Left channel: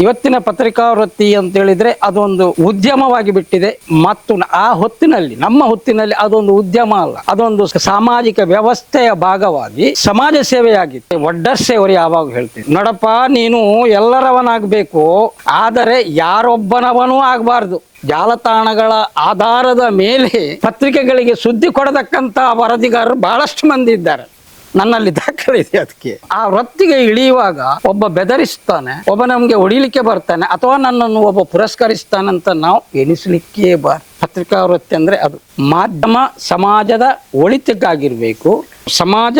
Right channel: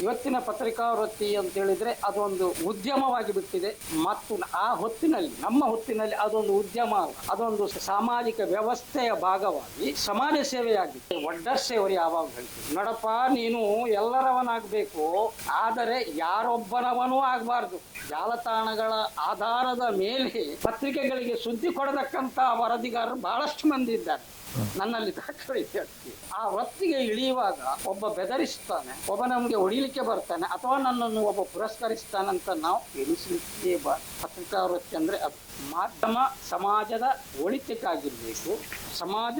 ಇವತ್ತಿನ ಪತ್ರಿಕಾ ವೃತ್ತಿ ಅಂತ ಹೇಳಿದ್ರೆ ಅದೊಂದು ಉದ್ಯಮವಾಗಿ ಬಿಟ್ಟಿದೆ. ಮತ್ತು ಆ ಹೊತ್ತಿನಲ್ಲಿ, ನಮ್ಮ ಹೊತ್ತಿನಲ್ಲಿ ಅದೊಂದು ಉದ್ಯಮ ಅಲ್ಲ. ಅದೊಂದು ಸಾಮಾಜಿಕ ವ್ಯವಸ್ಥೆಯ ಭಾಗವಾಗಿ ಸಮಾಜ ಸೇವೆಯಾಗಿತ್ತು. ಒಡ್ಡರ್ ಸೇವರು ಯಾವಾಗ ಹೇಳ್ತೀನಿ. ನೋಡಪ್ಪ, ನೀನು ಎಲ್ಲರವನಾಗಬೇಕು. ಆದರೆ ಯಾರೊಬ್ಬನವನೂ ಆಗಬಾರ್ದು. ಜಾಲತಾಣಗಳ ಆಧಾರದ ಮೇಲೆ ಪತ್ರಿಕೆಗಳಿಗೆ ಸುದ್ದಿ ಕೊಡತಕ್ಕಂತ ವರದಿಗಾರರು ಬಹಳಷ್ಟು ಮಂದಿ ಇದ್ದಾರೆ. ನನ್ನಲ್ಲಿ ದಾಖಲೆ ಇದೆ ಅದಕ್ಕೆ. ಆ ವೃತ್ತಿಗೆ ಇಳಿಯುವಾಗ ಒಬ್ಬ ಬೆದರಿಸ್ತಾನೆ, ಒಬ್ಬ ನಮ್ಗೆ ಹೊಡಿಲಿಕ್ಕೆ ಬರ್ತಾನೆ, ಅಥವಾ ನನ್ನನ್ನು ಒಬ್ಬ ಪುರಸ್ಕರಿಸ್ತಾನೆ ಅಂತ ನಾವು ಎಣಿಸಲಿಕ್ಕೆ ಬಾರ ಪತ್ರಿಕಾ ವೃತ್ತಿ ಅಂದ್ರೆ ಅದು. ಮಾಧ್ಯಮ ಸಮಾಜದ ಒಳಿತಿಗಾಗಿರ್ಬೇಕು, ಸಮಾಜ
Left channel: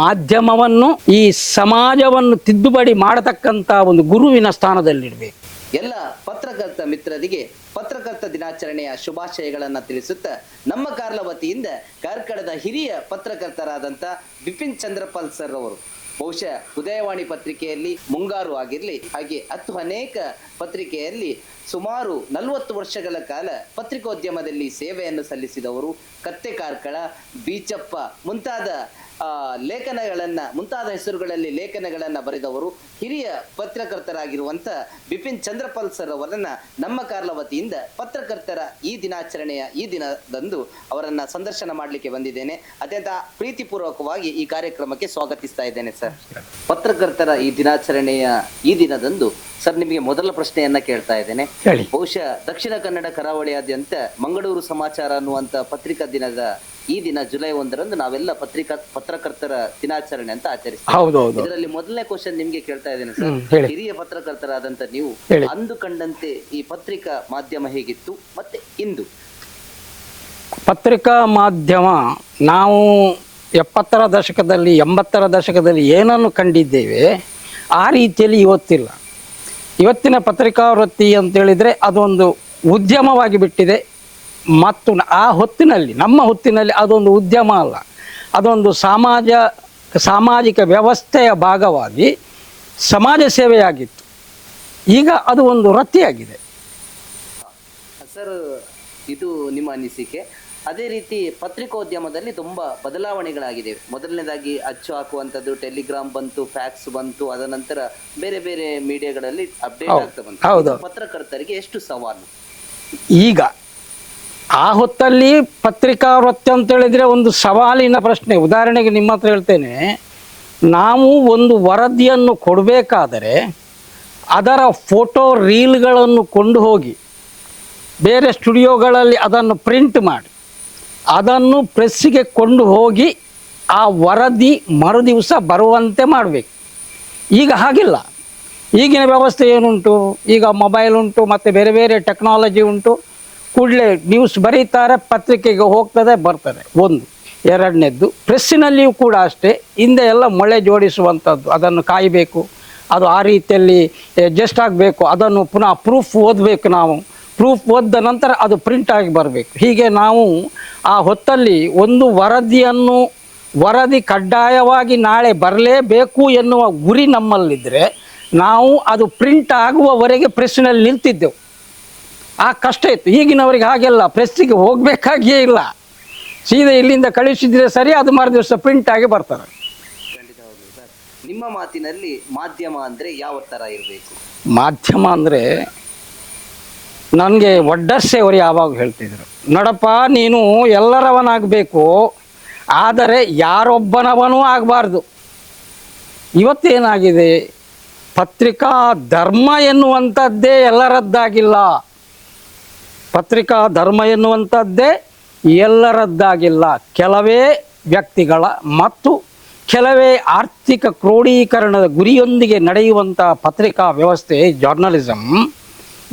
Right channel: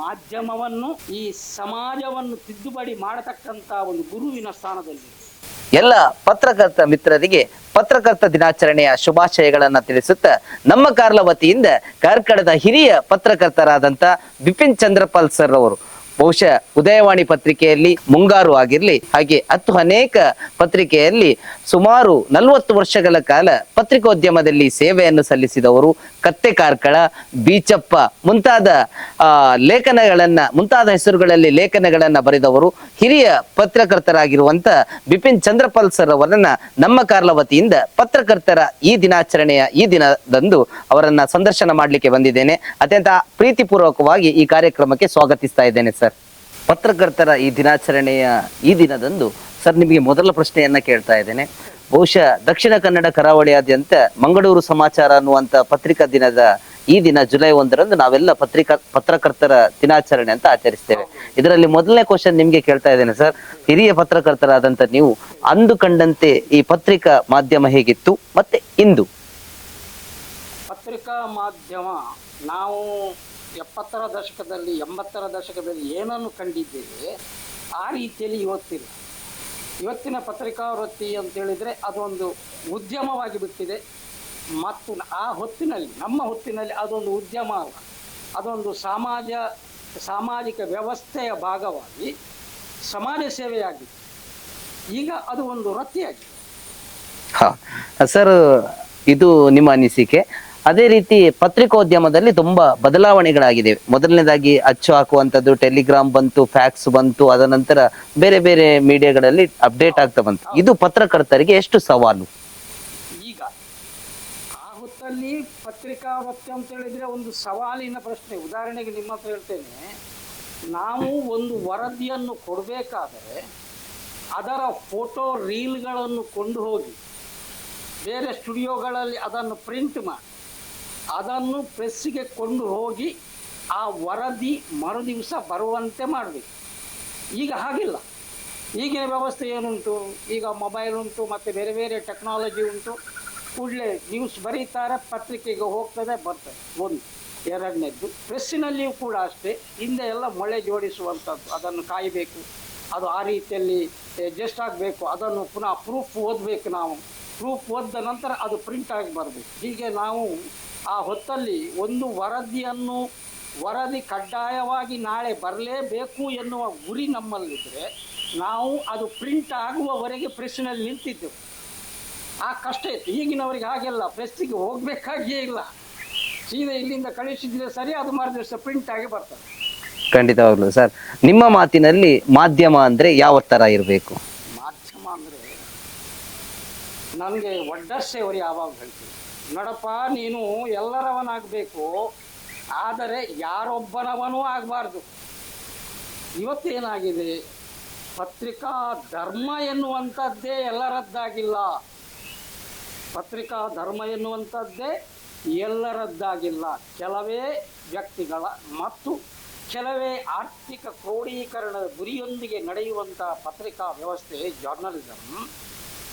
ಮಾಧ್ಯಮವನ್ನು, ಈ ಸಮಾಜವನ್ನು ತಿದ್ದುಪಡಿ ಮಾಡತಕ್ಕಂತ ಒಂದು ಗುರುವಿನ ಸ್ಥಾನದಲ್ಲಿಡ್ಬೇಕು ಎಲ್ಲ ಪತ್ರಕರ್ತ ಮಿತ್ರರಿಗೆ ಪತ್ರಕರ್ತ ದಿನಾಚರಣೆಯ ಶುಭಾಶಯಗಳನ್ನ ತಿಳಿಸುತ್ತಾ ನಮ್ಮ ಕಾರ್ಲ ವತಿಯಿಂದ ಕಾರ್ಕಳದ ಹಿರಿಯ ಪತ್ರಕರ್ತರಾದಂತ ಬಿಪಿನ್ ಚಂದ್ರಪಾಲ್ ಸರ್ ಅವರು ಬಹುಶಃ ಉದಯವಾಣಿ ಪತ್ರಿಕೆಯಲ್ಲಿ ಮುಂಗಾರು ಆಗಿರಲಿ, ಹಾಗೆ ಹತ್ತು ಅನೇಕ ಪತ್ರಿಕೆಯಲ್ಲಿ ಸುಮಾರು ನಲವತ್ತು ವರ್ಷಗಳ ಕಾಲ ಪತ್ರಿಕೋದ್ಯಮದಲ್ಲಿ ಸೇವೆಯನ್ನು ಸಲ್ಲಿಸಿದವರು ಕತ್ತೆ ಕಾರ್ಕಳ, ಬೀಚಪ್ಪ ಮುಂತಾದ ಲೇಖನಗಳನ್ನ, ಮುಂತಾದ ಹೆಸರುಗಳಲ್ಲಿ ಲೇಖನಗಳನ್ನ ಬರೆದವರು. ಹಿರಿಯ ಪತ್ರಕರ್ತರಾಗಿರುವಂತ ಬಿಪಿನ್ ಚಂದ್ರಪಾಲ್ ಸರ್ ಅವರನ್ನ ನಮ್ಮ ಕಾರ್ಲ ವತಿಯಿಂದ ಪತ್ರಕರ್ತರ ಈ ದಿನಾಚರಣೆಯ ಈ ದಿನದಂದು ಅವರನ್ನ ಸಂದರ್ಶನ ಮಾಡಲಿಕ್ಕೆ ಬಂದಿದ್ದೇನೆ. ಅತ್ಯಂತ ಪ್ರೀತಿಪೂರ್ವಕವಾಗಿ ಈ ಕಾರ್ಯಕ್ರಮಕ್ಕೆ ಸ್ವಾಗತಿಸ್ತಾ ಇದ್ದೇನೆ ಸರ್. ಪತ್ರಕರ್ತರ ಈ ದಿನಾಚರಣೆಯ ಈ ದಿನದಂದು ಸರ್ ನಿಮಗೆ ಮೊದಲ ಪ್ರಶ್ನೆಯನ್ನ ಕೇಳ್ತಾ ಇದ್ದೇನೆ ಬಹುಶಃ ದಕ್ಷಿಣ ಕನ್ನಡ ಕರಾವಳಿಯಾದ್ಯಂತ ಮಂಗಳೂರು ಸಮಾಚಾರ ಅನ್ನುವಂತ ಪತ್ರಿಕಾ ದಿನದ ಈ ದಿನ ಜುಲೈ ಒಂದರಂದು ನಾವೆಲ್ಲ ಪತ್ರಿಕಾ ಪತ್ರಕರ್ತರ ದಿನಾಚರಣೆ ಅಂತ ಆಚರಿಸ್ತೇವೆ. ಇದರಲ್ಲಿ ಮೊದಲನೇ ಕ್ವಶನ್ ನಿಮ್ಗೆ ಕೇಳ್ತಾ ಇದ್ದೇನೆ ಸರ್. ಹಿರಿಯ ಪತ್ರಕರ್ತರಾದಂತ ನೀವು. ಅಂದು ಕಂಡಂತೆ ಈ ಪತ್ರಿಕಾ ಮಾಧ್ಯಮ ಹೇಗಿತ್ತು ಮತ್ತೆ ಇಂದು ಪತ್ರಿಕಾ ಮಾಧ್ಯಮ ನಾವು ಎಪ್ಪತ್ತರ ದಶಕದಲ್ಲಿ, ಎಂಬತ್ತರ ದಶಕದಲ್ಲಿ ಏನನ್ನು ಕಂಡಿದ್ದೇವೆ? ಆ ರೀತಿಯಲ್ಲಿ ಇವತ್ತಿಲ್ಲ. ಇವತ್ತಿನ ಪತ್ರಿಕಾ ವೃತ್ತಿ ಅಂತ ಹೇಳಿದ್ರೆ ಅದೊಂದು ಉದ್ಯಮವಾಗಿ ಬಿಟ್ಟಿದೆ. ಮತ್ತು ಆ ಹೊತ್ತಿನಲ್ಲಿ, ನಮ್ಮ ಹೊತ್ತಿನಲ್ಲಿ ಅದೊಂದು ಉದ್ಯಮ ಅಲ್ಲ. ಅದೊಂದು ಸಮಾಜ, ಸಾಮಾಜಿಕ ವ್ಯವಸ್ಥೆಯ ಭಾಗವಾಗಿ ಸಮಾಜ ಸೇವೆಯಾಗಿತ್ತು. ಈಗ ಅದು ಒಂದು ವೃತ್ತಿಯಾಗಿದೆ. ಹ. ಸರ್, ಇದು ನಿಮ್ಮ ಅನಿಸಿಕೆ. ಅದೇ ರೀತಿ ಪತ್ರಿಕೋದ್ಯಮದಲ್ಲಿ ತುಂಬಾ ಬದಲಾವಣೆಗಳಾಗಿದೆ. ಮೊದಲನೇದಾಗಿ ಅಚ್ಚು ಹಾಕುವಂತದ್ದು ಟೆಲಿಗ್ರಾಮ್ ಬಂತು ಫ್ಯಾಕ್ಸ್ ಬಂತು ಅದ ನಂತರ ಬೇರೆ ಬೇರೆ ಮೀಡಿಯಾಗಳಲ್ಲಿ ಅಪ್ಡೇಟ್ ಆಗ್ತಾ ಬಂತು. ಇದು ಪತ್ರಕರ್ತರಿಗೆ ಎಷ್ಟು ಸವಾಲು? ಈಗ ಆ ಹೊತ್ತಲ್ಲಿ ಪತ್ರಿಕಾ ವೃತ್ತಿ ಅಂತ ಹೇಳಿದ್ರೆ ಒಂದು ಸವಾಲಿನ ಪ್ರಶ್ನೆ. ಉದಾಹರಣೆಗೆ ನಿಮ್ಮ ಹತ್ರ ಹೇಳ್ತೇನೆ ನಾವು ಒಂದು ವರದಿಯನ್ನು ಕೊಡಬೇಕಾದರೆ ಅದರ ಫೋಟೋ ರೀಲ್ಗಳನ್ನು ಕೊಂಡು ಹೋಗಿ ಬೇರೆ ಸ್ಟುಡಿಯೋಗಳಲ್ಲಿ ಅದನ್ನು ಪ್ರಿಂಟ್ ಮಾಡಿ ಅದನ್ನು ಪ್ರೆಸ್ಸಿಗೆ ಕೊಂಡು ಹೋಗಿ ಆ ವರದಿ ಮರುದಿವಸ ಬರುವಂತೆ ಮಾಡಬೇಕು. ಈಗ ಹಾಗಿಲ್ಲ. ಈಗಿನ ವ್ಯವಸ್ಥೆ ಏನುಂಟು? ಈಗ ಮೊಬೈಲ್ ಉಂಟು, ಮತ್ತು ಬೇರೆ ಬೇರೆ ಟೆಕ್ನಾಲಜಿ ಉಂಟು. ಕೂಡಲೇ ನ್ಯೂಸ್ ಬರೀತಾರೆ, ಪತ್ರಿಕೆಗೆ ಹೋಗ್ತದೆ, ಬರ್ತದೆ. ಒಂದು. ಎರಡನೇದ್ದು, ಪ್ರೆಸ್ಸಿನಲ್ಲಿಯೂ ಕೂಡ ಅಷ್ಟೇ. ಹಿಂದೆ ಎಲ್ಲ ಮೊಳೆ ಜೋಡಿಸುವಂಥದ್ದು. ಅದನ್ನು ಕಾಯಬೇಕು. ಅದು ಆ ರೀತಿಯಲ್ಲಿ ಜಸ್ಟ್ ಆಗಬೇಕು. ಅದನ್ನು ಪುನಃ ಪ್ರೂಫ್ ಓದಬೇಕು ನಾವು. ಪ್ರೂಫ್ ಒದ್ದ ನಂತರ ಅದು ಪ್ರಿಂಟ್ ಆಗಿ ಬರಬೇಕು. ಹೀಗೆ ನಾವು ಆ ಹೊತ್ತಲ್ಲಿ ಒಂದು ವರದಿಯನ್ನು ವರದಿ ಕಡ್ಡಾಯವಾಗಿ ನಾಳೆ ಬರಲೇಬೇಕು ಎನ್ನುವ ಗುರಿ ನಮ್ಮಲ್ಲಿದ್ದರೆ ನಾವು ಅದು ಪ್ರಿಂಟ್ ಆಗುವವರೆಗೆ ಪ್ರೆಸ್ನಲ್ಲಿ ನಿಂತಿದ್ದೆವು. ಆ ಕಷ್ಟ ಇತ್ತು. ಈಗಿನವರಿಗೆ ಹಾಗೆಲ್ಲ ಪ್ರೆಸ್ಸಿಗೆ ಹೋಗಬೇಕಾಗಿಯೇ ಇಲ್ಲ. ಸೀದಾ ಇಲ್ಲಿಂದ ಕಳಿಸಿದ್ರೆ ಸರಿ ಅದು ಮಾರು ದಿವಸ ಪ್ರಿಂಟ್ ಆಗಿ ಬರ್ತಾರೆ. ಖಂಡಿತವಾಗ್ಲು ಸರ್. ನಿಮ್ಮ ಮಾತಿನಲ್ಲಿ ಮಾಧ್ಯಮ ಅಂದರೆ ಯಾವ ಥರ ಇರಬೇಕು? ಮಾಧ್ಯಮ ಅಂದರೆ ನನಗೆ ಒಡ್ಡರ್ಸೆ ಅವರು ಯಾವಾಗ ಹೇಳ್ತಿದ್ರು. ನೋಡಪ್ಪ, ನೀನು ಎಲ್ಲರವನಾಗಬೇಕು, ಆದರೆ ಯಾರೊಬ್ಬನವನೂ ಆಗಬಾರ್ದು. ಇವತ್ತೇನಾಗಿದೆ ಪತ್ರಿಕಾ ಧರ್ಮ ಎನ್ನುವಂಥದ್ದೇ ಎಲ್ಲರದ್ದಾಗಿಲ್ಲ. ಪತ್ರಿಕಾ ಧರ್ಮ ಎನ್ನುವಂಥದ್ದೇ ಎಲ್ಲರದ್ದಾಗಿಲ್ಲ. ಕೆಲವೇ ವ್ಯಕ್ತಿಗಳ ಮತ್ತು ಕೆಲವೇ ಆರ್ಥಿಕ ಕ್ರೋಢೀಕರಣದ ಗುರಿಯೊಂದಿಗೆ ನಡೆಯುವಂಥ ಪತ್ರಿಕಾ ವ್ಯವಸ್ಥೆ ಜರ್ನಲಿಸಮ್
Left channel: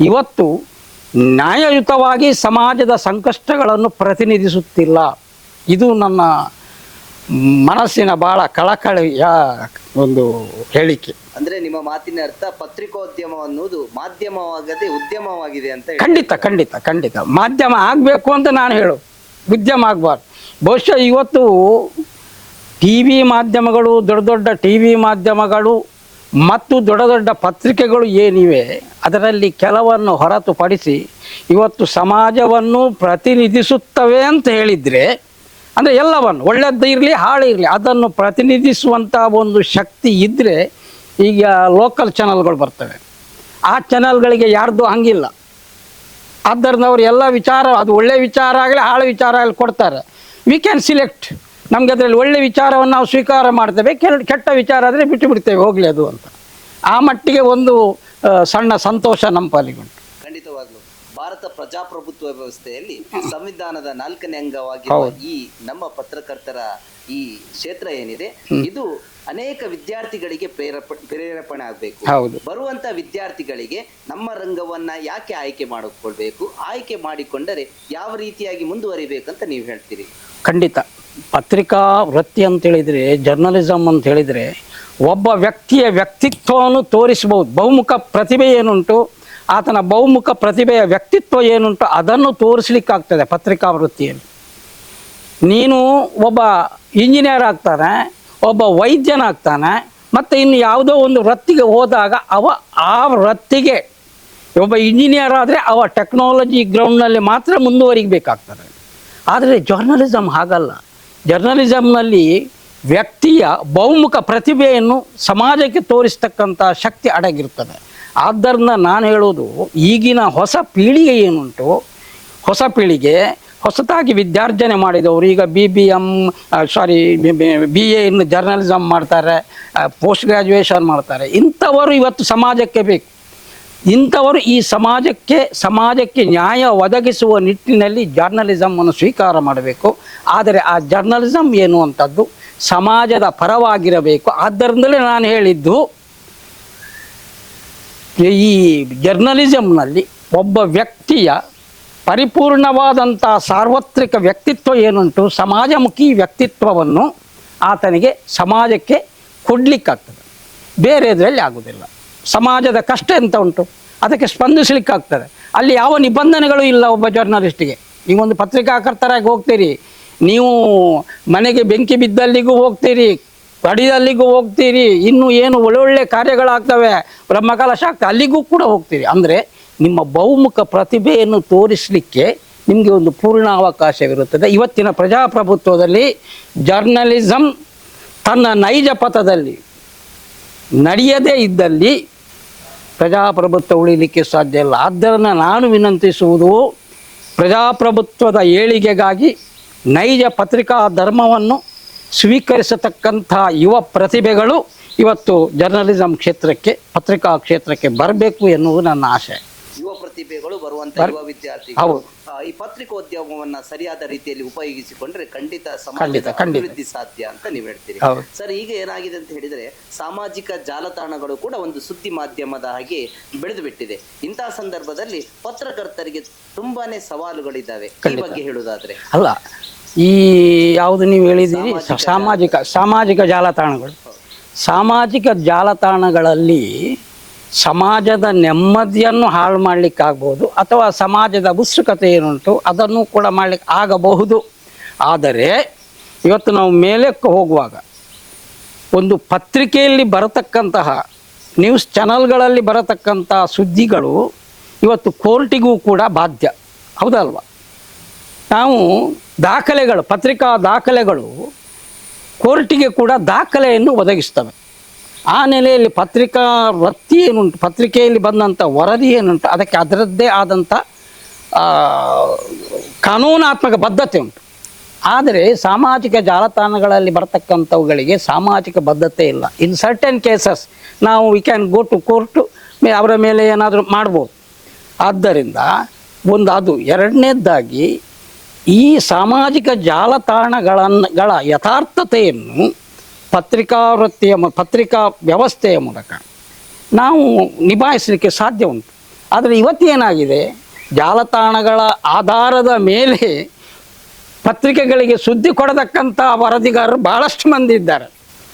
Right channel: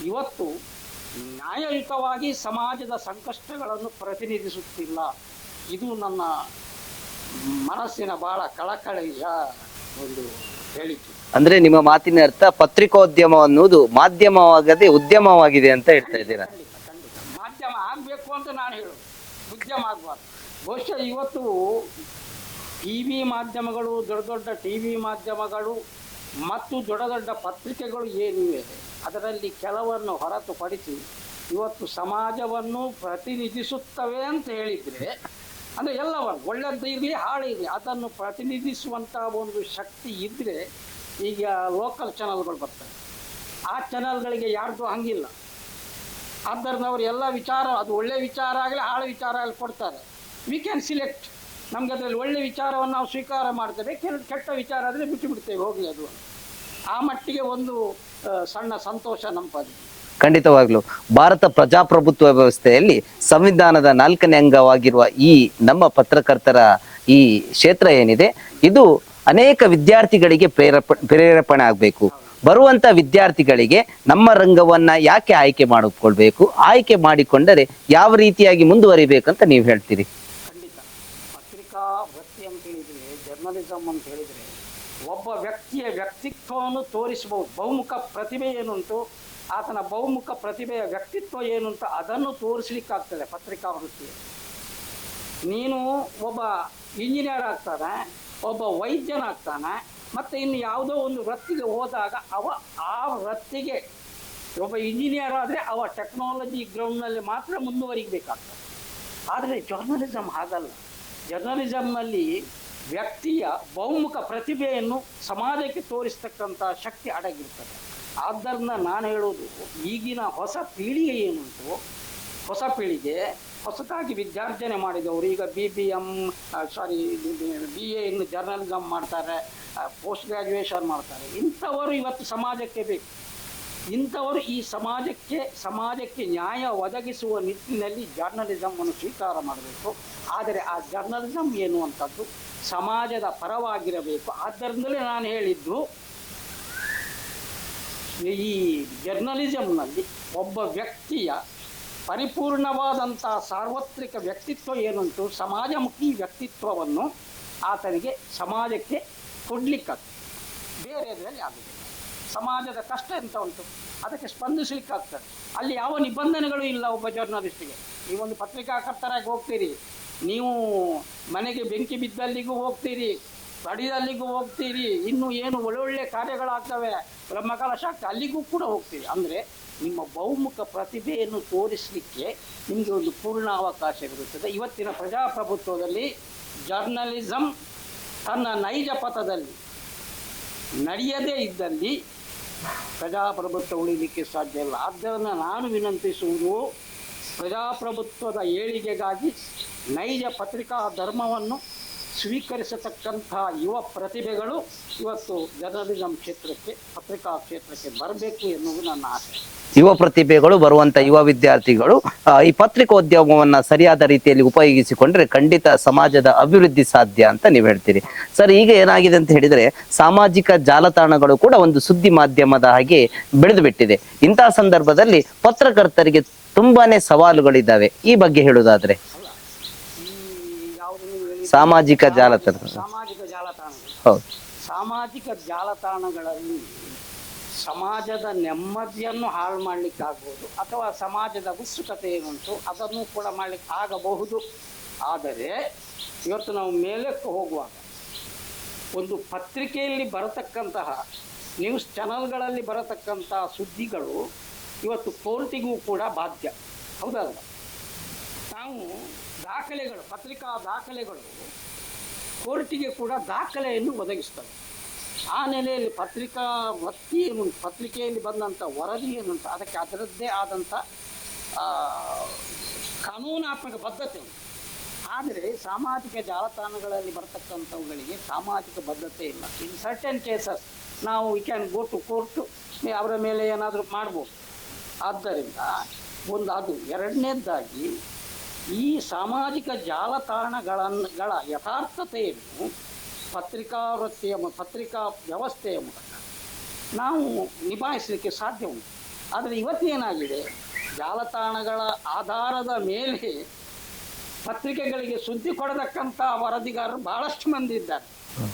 ಇವತ್ತು ನ್ಯಾಯಯುತವಾಗಿ ಸಮಾಜದ ಸಂಕಷ್ಟಗಳನ್ನು ಪ್ರತಿನಿಧಿಸುತ್ತಿಲ್ಲ. ಇದು ನನ್ನ ಮನಸ್ಸಿನ ಬಹಳ ಕಳಕಳಿಯ ಒಂದು ಹೇಳಿಕೆ. ಅಂದ್ರೆ ನಿಮ್ಮ ಮಾತಿನ ಅರ್ಥ ಪತ್ರಿಕೋದ್ಯಮ ಅನ್ನುವುದು ಮಾಧ್ಯಮವಾಗದೆ ಉದ್ಯಮವಾಗಿದೆ ಅಂತ ಖಂಡಿತ ಖಂಡಿತ ಖಂಡಿತ. ಮಾಧ್ಯಮ ಆಗಬೇಕು ಅಂತ ನಾನು ಹೇಳು. ಉದ್ಯಮ ಆಗಬಾರ್ದು. ಬಹುಶಃ ಇವತ್ತು ಟಿ ವಿ ಮಾಧ್ಯಮಗಳು ದೊಡ್ಡ ದೊಡ್ಡ ಟಿ ವಿ ಮಾಧ್ಯಮಗಳು ಮತ್ತು ದೊಡ್ಡ ದೊಡ್ಡ ಪತ್ರಿಕೆಗಳು ಏನಿವೆ ಅದರಲ್ಲಿ ಕೆಲವನ್ನು ಹೊರತುಪಡಿಸಿ ಇವತ್ತು ಸಮಾಜವನ್ನು ಪ್ರತಿನಿಧಿಸುತ್ತವೆ ಅಂತ ಹೇಳಿದರೆ, ಅಂದರೆ ಎಲ್ಲವನ್ನು ಒಳ್ಳೆಯದ್ದು ಇರಲಿ, ಹಾಳು ಇರಲಿ, ಅದನ್ನು ಪ್ರತಿನಿಧಿಸುವಂಥ ಒಂದು ಶಕ್ತಿ ಇದ್ದರೆ ಈಗ ಲೋಕಲ್ ಚಾನಲ್ಗಳು ಬರ್ತವೆ. ಆ ಚಾನಲ್ಗಳಿಗೆ ಯಾರ್ದು ಹಂಗಿಲ್ಲ. ಆದ್ದರಿಂದ ಅವ್ರು ಎಲ್ಲ ವಿಚಾರ, ಅದು ಒಳ್ಳೆ ವಿಚಾರ ಆಗಲಿ, ಹಾಳು ವಿಚಾರ ಆಗಲಿ ಕೊಡ್ತಾರೆ. ವಿ ಕ್ಯಾನ್ ಸಿಲೆಕ್ಟ್ ನಮಗೆ ಅದರಲ್ಲಿ ಒಳ್ಳೆ ವಿಚಾರವನ್ನು ನಾವು ಸ್ವೀಕಾರ ಮಾಡ್ತೇವೆ ಕೆಟ್ಟ ವಿಚಾರ ಆದರೆ ಬಿಟ್ಟು ಬಿಡ್ತೇವೆ, ಹೋಗಲಿ ಅದು ಅಂತ. ಆ ಮಟ್ಟಿಗೆ ಒಂದು ಸಣ್ಣ ಸಂತೋಷ ನಮ್ಮ ಪಾಲಿಗುಂಟು ಖಂಡಿತವಾಗ್ಲು. ಭಾರತ ಪ್ರಜಾಪ್ರಭುತ್ವ ವ್ಯವಸ್ಥೆಯಲ್ಲಿ ಸಂವಿಧಾನದ ನಾಲ್ಕನೇ ಅಂಗವಾಗಿರುವ ಈ ನಮ್ಮ ಪತ್ರಕರ್ತರ ಈ ಕ್ಷೇತ್ರ ಏನಿದೆ ಇದು ಅನೇಕ ವಿದ್ಯಾರ್ಥಿಗಳಿಗೆ ಪ್ರೇರೇಪ ಪ್ರೇರೇಪಣೆ ಆಗ್ಬೇಕು. ಹೌದು. ಬರುವಂತ ವಿದ್ಯಾರ್ಥಿಗಳಿಗೆ ನಮ್ಮ ರಂಗವನ್ನ ಯಾಕೆ ಆಯ್ಕೆ ಮಾಡಿಕೊಳ್ಬೇಕು ಆಯ್ಕೆ ಮಾಡಿಕೊಂಡರೆ ಯಾವ ರೀತಿಯಾಗಿ ಮುಂದುವರಿಬೇಕಂತ ನೀವು ಹೇಳ್ತೀರಿ? ಖಂಡಿತ. ಪತ್ರಿಕಾ ವೃತ್ತಿ ಅಂತ ಹೇಳಿದ್ರೆ ಜರ್ನಲಿಸಮ್ ಅಂತ ಹೇಳಿದರೆ ಒಬ್ಬ ವ್ಯಕ್ತಿಯ ವ್ಯಕ್ತಿತ್ವವನ್ನು ತೋರಿಸಬಹುದು. ಬಹುಮುಖ ಪ್ರತಿಭೆ ಏನುಂಟು? ಆತನ ಬಹುಮುಖ ಪ್ರತಿಭೆಯ ವ್ಯಕ್ತಿತ್ವ ಏನುಂಟು? ಅದನ್ನು ತೋರಿಸ್ಲಿಕ್ಕಾಗ್ತದೆ ಪತ್ರಿಕಾ ವೃತ್ತಿಯಲ್ಲಿ ನೀನು ಒಬ್ಬ ಇಂಜಿನಿಯರ್ ಆಗ್ತಾನೆ, ಒಬ್ಬ ವೈದ್ಯನಾಗ್ತಾನೆ, ಮತ್ತು ಇನ್ನು ಯಾವುದೋ ಒಂದು ವೃತ್ತಿಗೆ ಹೋದಾಗ ಅವ ಆ ವೃತ್ತಿಗೆ ಒಬ್ಬ ಇಂಜಿನಿಯರ್ ಆದರೆ ಅವ ಟೆಕ್ನಾಲಜಿ ಗ್ರೌಂಡ್ನಲ್ಲಿ ಮಾತ್ರ ಮುಂದುವರಿಬೇಕಾಗ್ತದೆ ಆದರೆ ಜರ್ನಲಿಸಮ್ ಹಾಗಲ್ಲ. ಜರ್ನಲಿಸಮ್ನಲ್ಲಿ ವ್ಯಕ್ತಿಯ ಬಹುಮುಖ ಪ್ರತಿಭೆಯನ್ನು ಸಮಾಜಕ್ಕೆ ತೋರಿಸ್ತಕ್ಕಂಥ ಶಕ್ತಿ ಅಡಗಿರ್ತದೆ ಆದ್ದರಿಂದ ನಾನು ಹೇಳೋದು ಈಗಿನ ಹೊಸ ಪೀಳಿಗೆ ಏನುಂಟು? ಹೊಸ ಪೀಳಿಗೆ ಹೊಸತಾಗಿ ವಿದ್ಯಾರ್ಜನೆ ಮಾಡಿದವರು, ಈಗ B B M sorry B A in journalism ಮಾಡ್ತಾರೆ ಪೋಸ್ಟ್ ಗ್ರ್ಯಾಜುಯೇಷನ್ ಮಾಡ್ತಾರೆ. ಇಂಥವರು ಇವತ್ತು ಸಮಾಜಕ್ಕೆ ಬೇಕು. ಇಂಥವರು ಈ ಸಮಾಜಕ್ಕೆ ಸಮಾಜಕ್ಕೆ ನ್ಯಾಯ ಒದಗಿಸುವ ನಿಟ್ಟಿನಲ್ಲಿ ಜರ್ನಲಿಸಮನ್ನು ಸ್ವೀಕಾರ ಮಾಡಬೇಕು. ಆದರೆ ಆ ಜರ್ನಲಿಸಮ್ ಎನ್ನುವಂಥದ್ದು ಸಮಾಜದ ಪರವಾಗಿರಬೇಕು. ಆದ್ದರಿಂದಲೇ ನಾನು ಹೇಳಿದ್ದು, ಈ ಜರ್ನಲಿಸಮ್ನಲ್ಲಿ ಒಬ್ಬ ವ್ಯಕ್ತಿಯ ಪರಿಪೂರ್ಣವಾದಂಥ ಸಾರ್ವತ್ರಿಕ ವ್ಯಕ್ತಿತ್ವ ಏನುಂಟು, ಸಮಾಜಮುಖಿ ವ್ಯಕ್ತಿತ್ವವನ್ನು ಆತನಿಗೆ ಸಮಾಜಕ್ಕೆ ಕೊಡಲಿಕ್ಕಾಗ್ತದೆ. ಬೇರೆ ಇದರಲ್ಲಿ ಆಗುವುದಿಲ್ಲ ಸಮಾಜದ ಕಷ್ಟ ಎಂತ ಉಂಟು? ಅದಕ್ಕೆ ಸ್ಪಂದಿಸಲಿಕ್ಕಾಗ್ತದೆ. ಅಲ್ಲಿ ಯಾವ ನಿಬಂಧನೆಗಳು ಇಲ್ಲ ಒಬ್ಬ ಜರ್ನಲಿಸ್ಟಿಗೆ ನೀವೊಂದು ಪತ್ರಿಕಾಕರ್ತರಾಗಿ ಹೋಗ್ತೀರಿ. ನೀವು ಮನೆಗೆ ಬೆಂಕಿ ಬಿದ್ದಲ್ಲಿಗೂ ಹೋಗ್ತೀರಿ, ಕಡಿದಲ್ಲಿಗೂ ಹೋಗ್ತೀರಿ, ಇನ್ನು ಏನು ಒಳ್ಳೊಳ್ಳೆ ಕಾರ್ಯಗಳಾಗ್ತವೆ, ಬ್ರಹ್ಮಕಾಲ ಶಾಕ್ತ, ಅಲ್ಲಿಗೂ ಕೂಡ ಹೋಗ್ತೀರಿ. ಅಂದರೆ ನಿಮ್ಮ ಬಹುಮುಖ ಪ್ರತಿಭೆಯನ್ನು ತೋರಿಸಲಿಕ್ಕೆ ನಿಮಗೆ ಒಂದು ಪೂರ್ಣ ಅವಕಾಶವಿರುತ್ತದೆ. ಇವತ್ತಿನ ಪ್ರಜಾಪ್ರಭುತ್ವದಲ್ಲಿ ಜರ್ನಲಿಸಮ್ ತನ್ನ ನೈಜ ಪಥದಲ್ಲಿ ನಡೆಯದೇ ಇದ್ದಲ್ಲಿ ಪ್ರಜಾಪ್ರಭುತ್ವ ಉಳಿಲಿಕ್ಕೆ ಸಾಧ್ಯ ಇಲ್ಲ. ಆದ್ದರಿಂದ ನಾನು ವಿನಂತಿಸುವುದು ಪ್ರಜಾಪ್ರಭುತ್ವದ ಏಳಿಗೆಗಾಗಿ ನೈಜ ಪತ್ರಿಕಾ ಧರ್ಮವನ್ನು ಸ್ವೀಕರಿಸತಕ್ಕಂಥ ಯುವ ಪ್ರತಿಭೆಗಳು ಇವತ್ತು ಜರ್ನಲಿಸಂ ಕ್ಷೇತ್ರಕ್ಕೆ ಪತ್ರಿಕಾ ಕ್ಷೇತ್ರಕ್ಕೆ ಬರಬೇಕು ಎನ್ನುವುದು ನನ್ನ ಆಶೆ ಯುವ ಪ್ರತಿಭೆಗಳು ಬರುವಂತ ಯುವ ವಿದ್ಯಾರ್ಥಿಗಳು ಈ ಪತ್ರಿಕೋದ್ಯಮವನ್ನ ಸರಿಯಾದ ರೀತಿಯಲ್ಲಿ ಉಪಯೋಗಿಸಿಕೊಂಡ್ರೆ ಖಂಡಿತ ಸಮಾಜದ ಅಭಿವೃದ್ಧಿ ಸಾಧ್ಯ ಅಂತ ನೀವು ಹೇಳ್ತೀರಿ. ಸರ್ ಈಗ ಏನಾಗಿದೆ ಅಂತ ಹೇಳಿದ್ರೆ ಸಾಮಾಜಿಕ ಜಾಲತಾಣಗಳು ಕೂಡ ಒಂದು ಸುದ್ದಿ ಮಾಧ್ಯಮದ ಹಾಗೆ ಬೆಳೆದು ಬಿಟ್ಟಿದೆ ಇಂತಹ ಸಂದರ್ಭದಲ್ಲಿ ಪತ್ರಕರ್ತರಿಗೆ ತುಂಬಾನೇ ಸವಾಲುಗಳಿದ್ದಾವೆ. ಈ ಬಗ್ಗೆ ಹೇಳುವುದಾದ್ರೆ. ಅಲ್ಲ ಈ ಯಾವುದು ನೀವು ಹೇಳಿದ ಸಾಮಾಜಿಕ ಸಾಮಾಜಿಕ ಸಾಮಾಜಿಕ ಜಾಲತಾಣಗಳು. ಸಾಮಾಜಿಕ ಜಾಲತಾಣಗಳಲ್ಲಿ ಸಮಾಜದ ನೆಮ್ಮದಿಯನ್ನು ಹಾಳು ಮಾಡಲಿಕ್ಕಾಗ್ಬೋದು ಅಥವಾ ಸಮಾಜದ ಉತ್ಸುಕತೆ ಏನುಂಟು ಅದನ್ನು ಕೂಡ ಮಾಡಲಿಕ್ಕೆ ಆಗಬಹುದು. ಆದರೆ ಇವತ್ತು ನಾವು ಮೇಲಕ್ಕೆ ಹೋಗುವಾಗ ಒಂದು ಪತ್ರಿಕೆಯಲ್ಲಿ ಬರತಕ್ಕಂತಹ ನ್ಯೂಸ್ ಚಾನಲ್ಗಳಲ್ಲಿ ಬರತಕ್ಕಂಥ ಸುದ್ದಿಗಳು ಇವತ್ತು ಕೋರ್ಟಿಗೂ ಕೂಡ ಬಾಧ್ಯ. ಹೌದಲ್ವ? ನಾವು ದಾಖಲೆಗಳು, ಪತ್ರಿಕಾ ದಾಖಲೆಗಳು ಕೋರ್ಟಿಗೆ ಕೂಡ ದಾಖಲೆಯನ್ನು ಒದಗಿಸ್ತವೆ. ಆ ನೆಲೆಯಲ್ಲಿ ಪತ್ರಿಕಾ ವೃತ್ತಿ ಏನುಂಟು, ಪತ್ರಿಕೆಯಲ್ಲಿ ಬಂದಂಥ ವರದಿ ಏನುಂಟು, ಅದಕ್ಕೆ ಅದರದ್ದೇ ಆದಂಥ ಕಾನೂನಾತ್ಮಕ ಬದ್ಧತೆ ಉಂಟು. ಆದರೆ ಸಾಮಾಜಿಕ ಜಾಲತಾಣಗಳಲ್ಲಿ ಬರ್ತಕ್ಕಂಥವುಗಳಿಗೆ ಸಾಮಾಜಿಕ ಬದ್ಧತೆ ಇಲ್ಲ. ಇನ್ ಸರ್ಟನ್ ಕೇಸಸ್ ನಾವು we can go to court ಅವರ ಮೇಲೆ ಏನಾದರೂ ಮಾಡ್ಬೋದು. ಆದ್ದರಿಂದ ಒಂದು ಅದು. ಎರಡನೇದಾಗಿ ಈ ಸಾಮಾಜಿಕ ಜಾಲತಾಣಗಳನ್ನುಗಳ ಯಥಾರ್ಥತೆಯನ್ನು ಪತ್ರಿಕಾ ವೃತ್ತಿಯ ಪತ್ರಿಕಾ ವ್ಯವಸ್ಥೆಯ ಮೂಲಕ ನಾವು ನಿಭಾಯಿಸಲಿಕ್ಕೆ ಸಾಧ್ಯ ಉಂಟು. ಆದರೆ ಇವತ್ತೇನಾಗಿದೆ? ಜಾಲತಾಣಗಳ ಆಧಾರದ ಮೇಲೆ ಪತ್ರಿಕೆಗಳಿಗೆ ಸುದ್ದಿ ಕೊಡತಕ್ಕಂಥ ವರದಿಗಾರರು ಬಹಳಷ್ಟು ಮಂದಿ ಇದ್ದಾರೆ.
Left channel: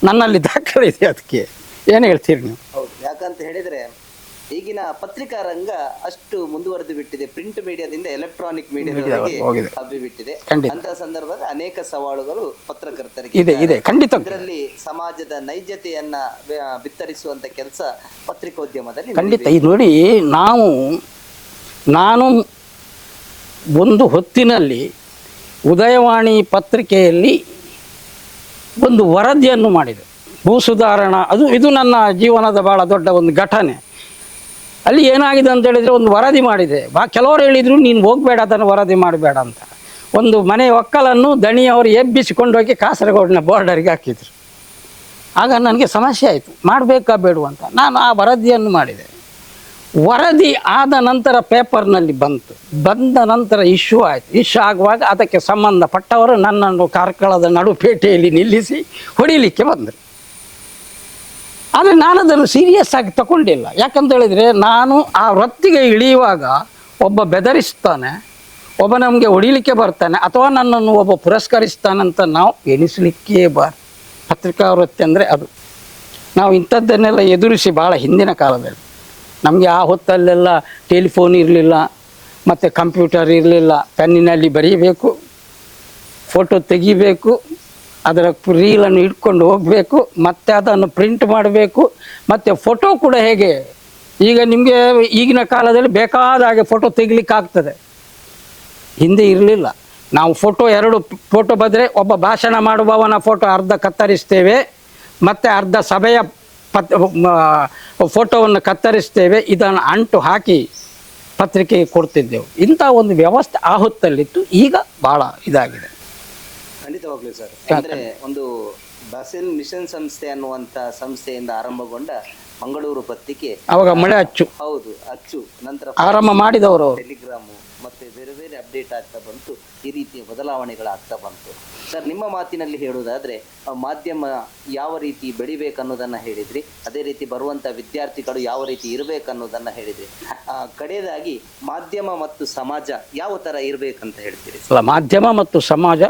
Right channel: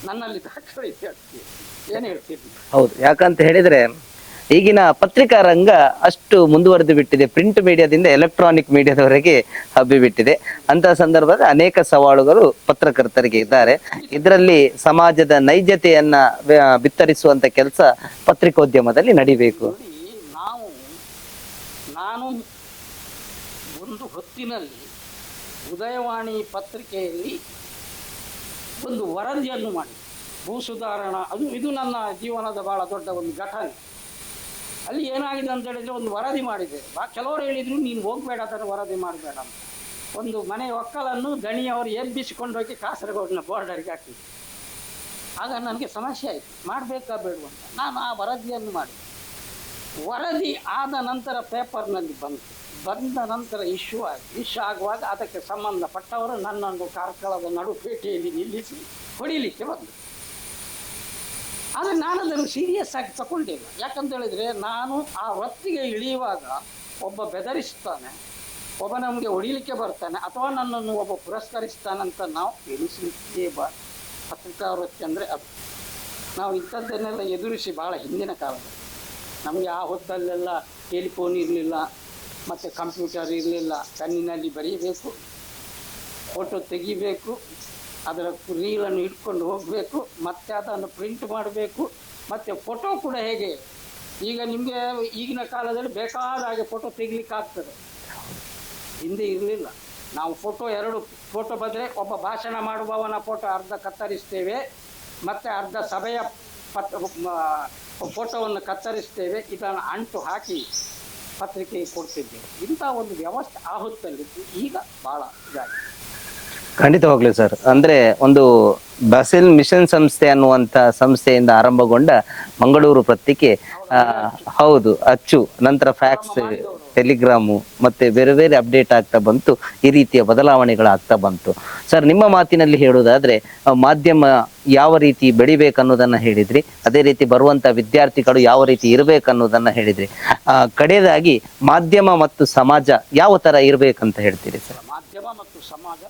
ನನ್ನಲ್ಲಿ ದಾಖಲೆ ಇದೆ ಅದಕ್ಕೆ. ಏನು ಹೇಳ್ತೀರಿ ನೀವು? ಹೌದು, ಯಾಕಂತ ಹೇಳಿದ್ರೆ ಈಗಿನ ಪತ್ರಿಕಾ ರಂಗ ಅಷ್ಟು ಮುಂದುವರೆದು ಬಿಟ್ಟಿದೆ. ಪ್ರಿಂಟ್ ಮೀಡಿಯಾದಿಂದ ಎಲೆಕ್ಟ್ರಾನಿಕ್ ಮೀಡಿಯಾದವರೆಗೆ. ಹಬ್ಬಿ ಬಿಟ್ಟಿದೆ. ಅಂತ ಸಂದರ್ಭದಲ್ಲಿ ಅನೇಕ ಸವಾಲುಗಳು ಪತ್ರಕರ್ತರಿಗೆ ಇದೆ, ಇದ್ದಾರೆ. ಖಂಡಿತ. ಇದರಲ್ಲಿ ಸಮಾಜದ ನೈಜತೆಯನ್ನ ಬಿತ್ತರಿಸುವಂತ ಕೆಲಸ ಪತ್ರಿಕೋದ್ಯಮದಲ್ಲಿ ನಡೆಯುತ್ತೆ ನೋಡಿ ನಾವು ನಾನು ಒಂದು ಹೊತ್ತಿನಲ್ಲಿ ಉದಯವಾಣಿ ಪತ್ರಿಕೆಯಲ್ಲಿ ಒಂದು ವರದಿಯನ್ನು ಮಾಡಿದೆ. ಭೂ ಸುಧಾರಣಾ ಅದು ಇದು ನನ್ನ ಜೀವನದ ಬಹಳ ದೊಡ್ಡ ಒಂದು ಘಟನೆ. ಅಲ್ಲಿ ಏನಾಗಿದೆ ಅಂತ ಹೇಳಿದ್ರೆ ಒಂದು ವರದಿ ಮಾಡಿದೆ. ಬಾ, ಕೆಲವರು ಹೇಳಿದರು, ನೀನು ಹೋಗಬೇಡ, ಅದನ್ನು ವರದಿ ಮಾಡಬೇಡ ಅಂತ. ಒಂದು ಮನೆ ಒಕ್ಕಲನ್ನು ದಣಿಯವರು ಎಬ್ಬಿಸಿಕೊಂಡು ಹೋಗಿ ಕಾಸರಗೋಡಿನ ಬಾರ್ಡರ್ಗೆ ಹಾಕಿದ್ರು. ಆಗ ನನಗೆ ಸಮಸ್ಯೆ ಆಯಿತು. ಮಾಡಬೇಕಾ ಬೇಡು ಅಂತ. ನಾನು ಆ ವರದಿಯನ್ನು ಮಾಡಿದೆ. ವರದಿ ಆದ ನಂತರ ಪೇಪರ್ನಲ್ಲಿ ಬಂತು. ಬಂದ ನಂತರ ಇಶ್ಯೂ ಆಯಿತು. ಇಶ್ಯೂ ಆಗುವಾಗ ಅದಕ್ಕೆ ಸಂಬಂಧಪಟ್ಟವರು ನನ್ನನ್ನು ಕಾರ್ಕಳದ ನಡುಪೇಟೆಯಲ್ಲಿ ನಿಲ್ಲಿಸಿ ಹೊಡಿಲಿಕ್ಕೆ ಬಂದರು. ಆದರೆ ನಾನು ಅದನ್ನು ಸೀರಿಯಸ್ ಆಗಿ ತಗೊಂಡಿಲ್ಲ. ಯಾಕಂತ ಹೇಳಿದರೆ ನಾನು ಆ ವೃತ್ತಿಗೆ ಇಳಿಯುವಾಗ ಒಬ್ಬ ಬೆದರಿಸ್ತಾನೆ, ಒಬ್ಬ ನಮಗೆ ಹೊಡಿಲಿಕ್ಕೆ ಬರ್ತಾನೆ, ಅಥವಾ ನನ್ನನ್ನು ಒಬ್ಬ ಪುರಸ್ಕರಿಸ್ತಾನಂತ ನಾವು ಎಣಿಸಲಿಕ್ಕೆ ಬಾರ ಪತ್ರಿಕಾ ವೃತ್ತಿ ಅಂದರೆ ಅದು. ನಾವು ಇಂಥದ್ದನ್ನೆಲ್ಲ ಎದುರಿಸಿ ಭಾಳ ಹಿಂದಿನ ಕಾಲದಲ್ಲಿ. ನಮಗೆ ಆ ಹೊತ್ತಲ್ಲೆಲ್ಲ ಟೆಲಿಫೋನ್ ಇರಲಿಲ್ಲ, ಮತ್ತು ಕಂಪ್ಯೂಟರ್ ಇರಲಿಲ್ಲ, ಪೆನ್ನಿನಲ್ಲಿ ಬರೀಬೇಕು, ಫೋಟೋ ತೆಗಿಬೇಕು ಅದರ ರೀಲನ್ನು ಇಟ್ಕೊಂಡು ಹೋಗಬೇಕು, ಮತ್ತೆ ಅದನ್ನು ಪ್ರಿಂಟ್ ಮಾಡಬೇಕು, ಮತ್ತು ಫೋಟೋ ಕೂಡ ಹೇಗೆ? ಈಗ ನಿಮಗೆ ಈಗಿನ ಕಾಲದಲ್ಲಿ ಬೇಕಾದ ಹಾಗೆ ಫೋಟೋ ತೆಗಿಲಿಕ್ಕೆ ಆಗ್ತದೆ ಹಿಂದೆ ಇರಲಿಲ್ಲ. ನಾವು ಫೋಟೋ ಎರಡು ಫೋಟೋ ಬಂದರೆ ಒಬ್ಬ ಭಾಷಣ ಮಾಡುವವನ ಫೋಟೋ ಅರ್ಧ ಕತ್ತರಿಸ್ತೇವೆ, ಮತ್ತು ಅರ್ಧ ಸಭೆಯ ಪತ್ ಫೋಟೋವನ್ನು ಕತ್ತರಿಸ್ತೇವೆ, ಇದನ್ನು ಅಂಟು ಹಾಕಿ ಪತ್ರಿಕೆಗೆ ಕೊಡ್ತಿದ್ದೆವು. ಇಂಥ ಒಂದು ವ್ಯವಸ್ಥೆ ಆ ಹೊತ್ತಲ್ಲಿತ್ತು. ಈಗ ಭಾಳ ಇದಾಗಿದೆ. ಖಂಡಿತವಾಗ್ಲೂ ಸರ್. ಅಂದ್ರೆ ಒಂದು ಬಸಿಲ್ ಮಿಷನ್ ಸಂಸ್ಥೆ ಅನ್ನುವಂತ ಸಂಸ್ಥೆಯಿಂದ ಆರಂಭಗೊಂಡ ಮಂಗಳೂರು ಪತ್ರಿಕೆ ಅವಾಗ ಮಳೆ ಅಚ್ಚು. ಹೌದು ಅಚ್ಚು. ನಂತರ ಆರಂಭ ಮಾಡಿದವರು. ಟೆಲಿಗ್ರಾಮು ಮತ್ತೆ ಬೇರೆ ಬೇರೆ ಅಪ್ಡೇಟ್ ಆಗ್ತಾ ಬಂತು. ಈ ರೀತಿಯ ಬದಲಾವಣೆಗಳಾಗ್ತಾ ಬಂತು. ಸರ್ ನಿಮ್ಮ ಮಾತಿನಲ್ಲಿ ಹೇಳುವುದಾದ್ರೆ ಮಾಧ್ಯಮ ಯಾವ ರೀತಿ ಬೆಳಿಬೇಕನ್ನೋದನ್ನ ಹೇಳಿದ್ರಿ. ಅದೇ ರೀತಿ ಬರುವಂತ ವಿದ್ಯಾರ್ಥಿಗಳು ಯಾವ ರೀತಿ ಇರ್ಬೇಕನ್ನೋದನ್ನ ಹೇಳಿದ್ರಿ. ಆ, ಕಡೆಯದಾಗಿ ಮಾಧ್ಯಮ ಮತ್ತು ಸಮಾಜ ಯಾವ ತರ ಇರಬೇಕಂತ ಹೇಳ್ತೀರಿ? ಮಾಧ್ಯಮ ಮತ್ತು ಸಮಾಜ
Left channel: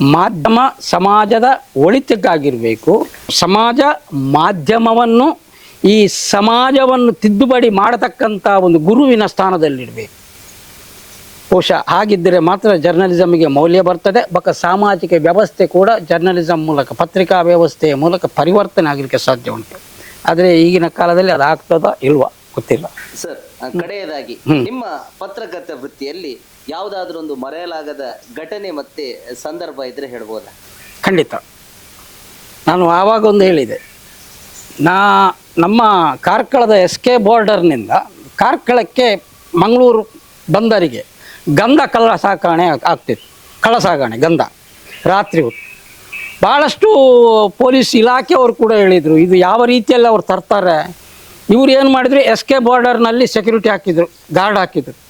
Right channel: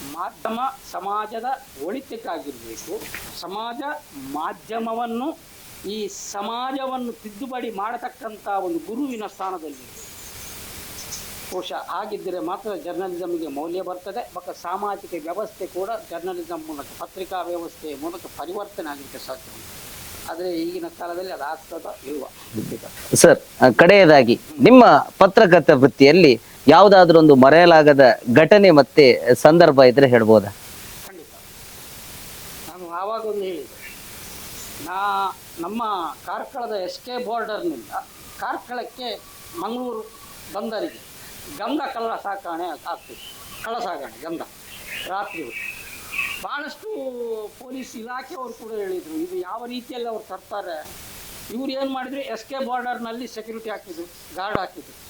ಮಾಧ್ಯಮ ಸಮಾಜದ ಒಳಿತಕ್ಕಾಗಿರಬೇಕು ಸಮಾಜ ಮಾಧ್ಯಮವನ್ನು ಈ ಸಮಾಜವನ್ನು ತಿದ್ದುಪಡಿ ಮಾಡತಕ್ಕಂಥ ಒಂದು ಗುರುವಿನ ಸ್ಥಾನದಲ್ಲಿಡಬೇಕು ಬಹುಶಃ ಹಾಗಿದ್ದರೆ ಮಾತ್ರ ಜರ್ನಲಿಸಮ್ಗೆ ಮೌಲ್ಯ ಬರ್ತದೆ. ಬಕ ಸಾಮಾಜಿಕ ವ್ಯವಸ್ಥೆ ಕೂಡ ಜರ್ನಲಿಸಮ್ ಮೂಲಕ ಪತ್ರಿಕಾ ವ್ಯವಸ್ಥೆಯ ಮೂಲಕ ಪರಿವರ್ತನೆ ಆಗಲಿಕ್ಕೆ ಸಾಧ್ಯ ಉಂಟು. ಆದರೆ ಈಗಿನ ಕಾಲದಲ್ಲಿ ಅದು ಆಗ್ತದೋ ಇಲ್ವಾ? ಗೊತ್ತಿಲ್ಲ. ಸರ್ ಕಡೆಯದಾಗಿ ನಿಮ್ಮ ಪತ್ರಕರ್ತ ವೃತ್ತಿಯಲ್ಲಿ ಯಾವುದಾದ್ರೂ ಒಂದು ಮರೆಯಲಾಗದ ಘಟನೆ ಮತ್ತೆ ಸಂದರ್ಭ ಇದ್ರೆ ಹೇಳ್ಬೋದಾ? ಖಂಡಿತ. ನಾನು ಆವಾಗ ಒಂದು ಹೇಳಿದೆ. ನಾ, ನಮ್ಮ ಕಾರ್ಕಳದ ಎಸ್ ಕೆ ಬಾರ್ಡರ್ನಿಂದ ಕಾರ್ಕಳಕ್ಕೆ ಮಂಗಳೂರು ಬಂದರಿಗೆ ಗಂಧ ಕಳ್ಳ ಸಾಗಣೆ ಆಗ್ತಿತ್ತು. ಕಳ್ಳ ಸಾಗಣೆ, ಗಂಧ. ರಾತ್ರಿ ಹೊತ್ತು. ಭಾಳಷ್ಟು ಪೊಲೀಸ್ ಇಲಾಖೆಯವರು ಕೂಡ ಹೇಳಿದರು, ಇದು ಯಾವ ರೀತಿಯಲ್ಲಿ ಅವ್ರು ತರ್ತಾರೆ? ಇವ್ರು ಏನು ಮಾಡಿದ್ರು? ಎಸ್ ಕೆ ಬಾರ್ಡರ್ನಲ್ಲಿ ಸೆಕ್ಯೂರಿಟಿ ಹಾಕಿದರು, ಗಾರ್ಡ್ ಹಾಕಿದ್ರು.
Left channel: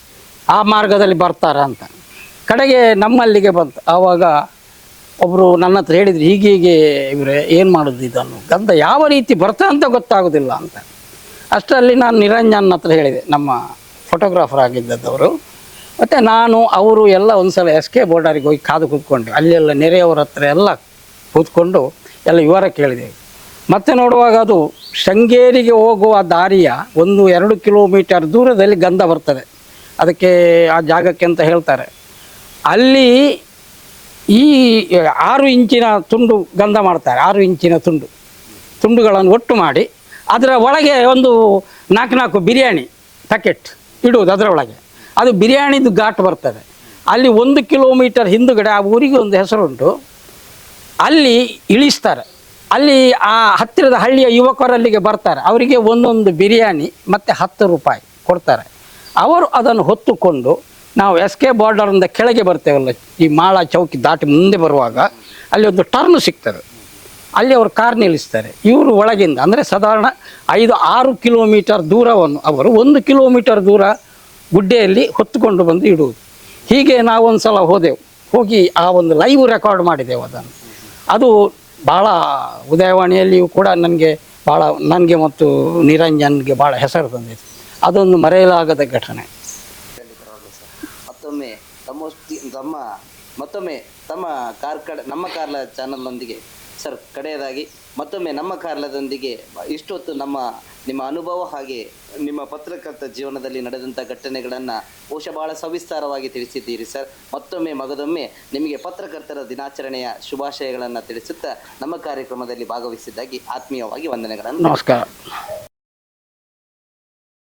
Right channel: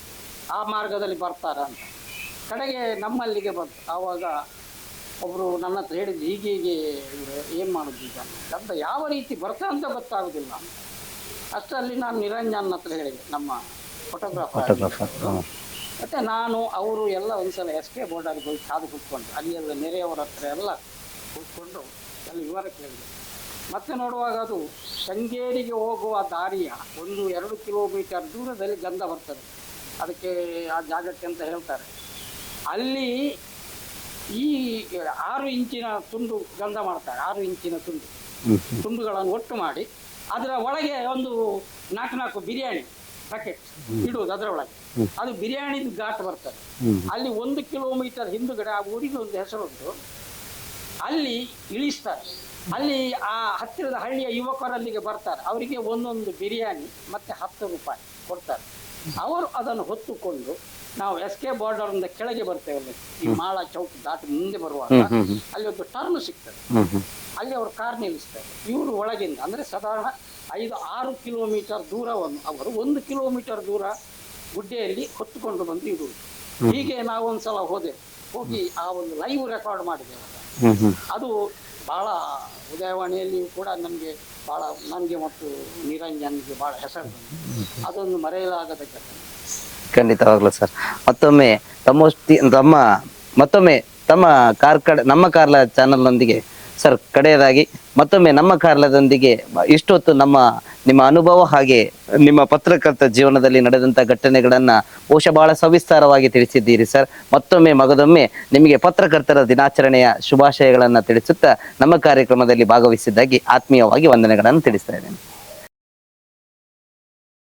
ಆ ಮಾರ್ಗದಲ್ಲಿ ಬರ್ತಾರ ಅಂತ. ಕಡೆಗೆ ನಮ್ಮಲ್ಲಿಗೆ ಬಂತು. ಆವಾಗ ಒಬ್ಬರು ನನ್ನ ಹತ್ರ ಹೇಳಿದ್ರು, ಹೀಗೆ ಹೀಗೆ ಇವರೇ, ಏನು ಮಾಡೋದು ಇದನ್ನು? ಗಂಧ ಯಾವ ರೀತಿ ಬರ್ತದೆ ಅಂತ ಗೊತ್ತಾಗೋದಿಲ್ಲ ಅಂತ. ಅಷ್ಟರಲ್ಲಿ ನಾನು ನಿರಂಜನ್ ಹತ್ರ ಹೇಳಿದೆ, ನಮ್ಮ ಫೋಟೋಗ್ರಾಫರ್ ಆಗಿದ್ದವರು ಮತ್ತು ನಾನು, ಅವರು ಎಲ್ಲ ಒಂದ್ಸಲ ಎಸ್ ಕೆ ಬೋರ್ಡರಿಗೆ ಹೋಗಿ ಕಾದು ಕೂತ್ಕೊಂಡ್ರು. ಅಲ್ಲೆಲ್ಲ ನೆರೆಯವರ ಹತ್ರ ಎಲ್ಲ ಕೂತ್ಕೊಂಡು ಎಲ್ಲ ವಿವರ ಕೇಳಿದೆ. ಮತ್ತೆ ನೋಡುವಾಗ ಅದು ಶೃಂಗೇರಿಗೆ ಹೋಗುವ ದಾರಿಯ ಒಂದು, ಎರಡು ಕಿಲೋಮೀಟರ್ ದೂರದಲ್ಲಿ ಗಂಧ ಬರ್ತದೆ. ಅದಕ್ಕೆ ಆ ಜಾಗಕ್ಕೆ ಅಂತ ಹೇಳ್ತಾರೆ. ಅಲ್ಲಿ ಈ ಆರು ಇಂಚಿನ ತುಂಡು ಗಂಧ ಮಾಡ್ತಾರೆ, ಆರು ಇಂಚಿನ ತುಂಡು. ತುಂಡುಗಳನ್ನು ಒಟ್ಟು ಮಾಡಿ ಅದರ ಒಳಗೆ ಒಂದು ನಾಲ್ಕು ನಾಲ್ಕು ಬಿರಿಯಾನಿ ಪ್ಯಾಕೆಟ್ ಇಡುವುದು ಅದರ ಒಳಗೆ. ಅದು ಬಿರಿಯಾನಿದು ಘಾಟ್ ಬರ್ತದೆ. ಅಲ್ಲಿ ಒಂದು ಕಿಲೋಮೀಟರ್ ಹಿಂದುಗಡೆ ಆ ಊರಿಗೆ ಒಂದು ಹೆಸರುಂಟು. ಅಲ್ಲಿ ಇಳಿಸ್ತಾರೆ. ಅಲ್ಲಿ ಆ ಹತ್ತಿರದ ಹಳ್ಳಿಯ ಯುವಕರಲ್ಲಿಗೆ ಬರ್ತಾರೆ. ಅವರಿಗೆ ಒಂದೊಂದು ಬಿರಿಯಾನಿ ಮತ್ತು ಹತ್ತು ರೂಪಾಯಿ ಕೊಡ್ತಾರೆ. ಅವರು ಅದನ್ನು ಹೊತ್ತುಕೊಂಡು ನಾವು ಎಸ್ ಕೆ ಬಾರ್ಡರಿಂದ ಕೆಳಗೆ ಬರ್ತೇವಲ್ಲ ಈ ಮಾಳ ಚೌಕಿ ದಾಟಿ ಮುಂದೆ ಬರುವಾಗ ಅಲ್ಲಿ ಒಂದು ಟರ್ನ್ ಸಿಗ್ತದೆ. ಅಲ್ಲಿ ಅವರು ಕಾರ್ ನಿಲ್ಲಿಸ್ತಾರೆ. ಇವರು ಒಳಗಿಂದ ಅಂದರೆ ಸಾಧಾರಣ ಐದು ಆರು ಕಿಲೋಮೀಟರ್ ದೂರವನ್ನು ಅವರು ಒಂದು ಕಿಲೋಮೀಟರ್ ದೂರ ಗುಡ್ಡೆಯಲ್ಲಿ ಹೊತ್ತುಕೊಂಡು ಬಂದು ಇಡುವುದು. ಹೀಗೆ ನಾವು ಒಂದು ಸಲ ಹೋದೆವು. ಹೋಗಿ ಆ ಒಂದು ಲೈವ್ ರೆಕಾರ್ಡ್ ಮಾಡಿದೆವು ಅದನ್ನು. ಅದು ಭಾಳ ಉದಯವಾಣಿಯಲ್ಲಿಯೂ ಕೂಡ ನನಗೆ ಭಾಳ ನನಗೆ ಮತ್ತು ನಿರಂಜನ್ಗೆ ಭಾಳ ಹೆಸರು ತಂದಿದೆ ಅದೊಂದು ಮರೆಯಲಾಗದ ಘಟನೆ. ಖಂಡಿತವಾಗ್ಲೂ ಸರ್. ಮತ್ತೊಮ್ಮೆ ತಮ್ಮಷ್ಟಿ ತಮ್ಮ, ಮತ್ತೊಮ್ಮೆ ತಮ್ಮ ಕಾರ್ಕಡ ನಮ್ಮ ಕಾರ್ಲ ಚಾನಲ್ನೊಂದಿಗೆ ಸರ್ ಕಡೆಯದಾಗಿ, ಮತ್ತೊಮ್ಮೆ ನಮ್ಮ ಕಾರ್ಲದೊಂದಿಗೆ ಇಷ್ಟೊತ್ತು ನಮ್ಮ ನಿಮ್ಮ ಅನುಭವ ಹಾಗೆ ನಿಮ್ಮ ಪತ್ರಕರ್ತ ಜೀವನದಲ್ಲಿ ನಡೆದಂಥ ಘಟನೆಗಳನ್ನ ಬಹುಶಃ ಬಹಳ ಸವಿಸ್ತಾರವಾಗಿ ತಿಳಿಸಿದ್ದೀರಿ ಸರ್. ಮತ್ತೊಮ್ಮೆ ಮಗದೊಮ್ಮೆ ನಿಮಗೆ ಪತ್ರಕರ್ತರ ದಿನಾಚರಣೆಯ ಶುಭಾಶಯಗಳನ್ನ ತಿಳಿಸುತ್ತಾ ನಮ್ಮ ಕಾರ್ಯಕ್ರಮದಲ್ಲಿ ಭಾಗವಹಿಸಿದ್ದಾಗಿ ಆತ್ಮೀಯವಾಗಿ ವಂದನೆಗಳನ್ನು ನಮಸ್ಕಾರ.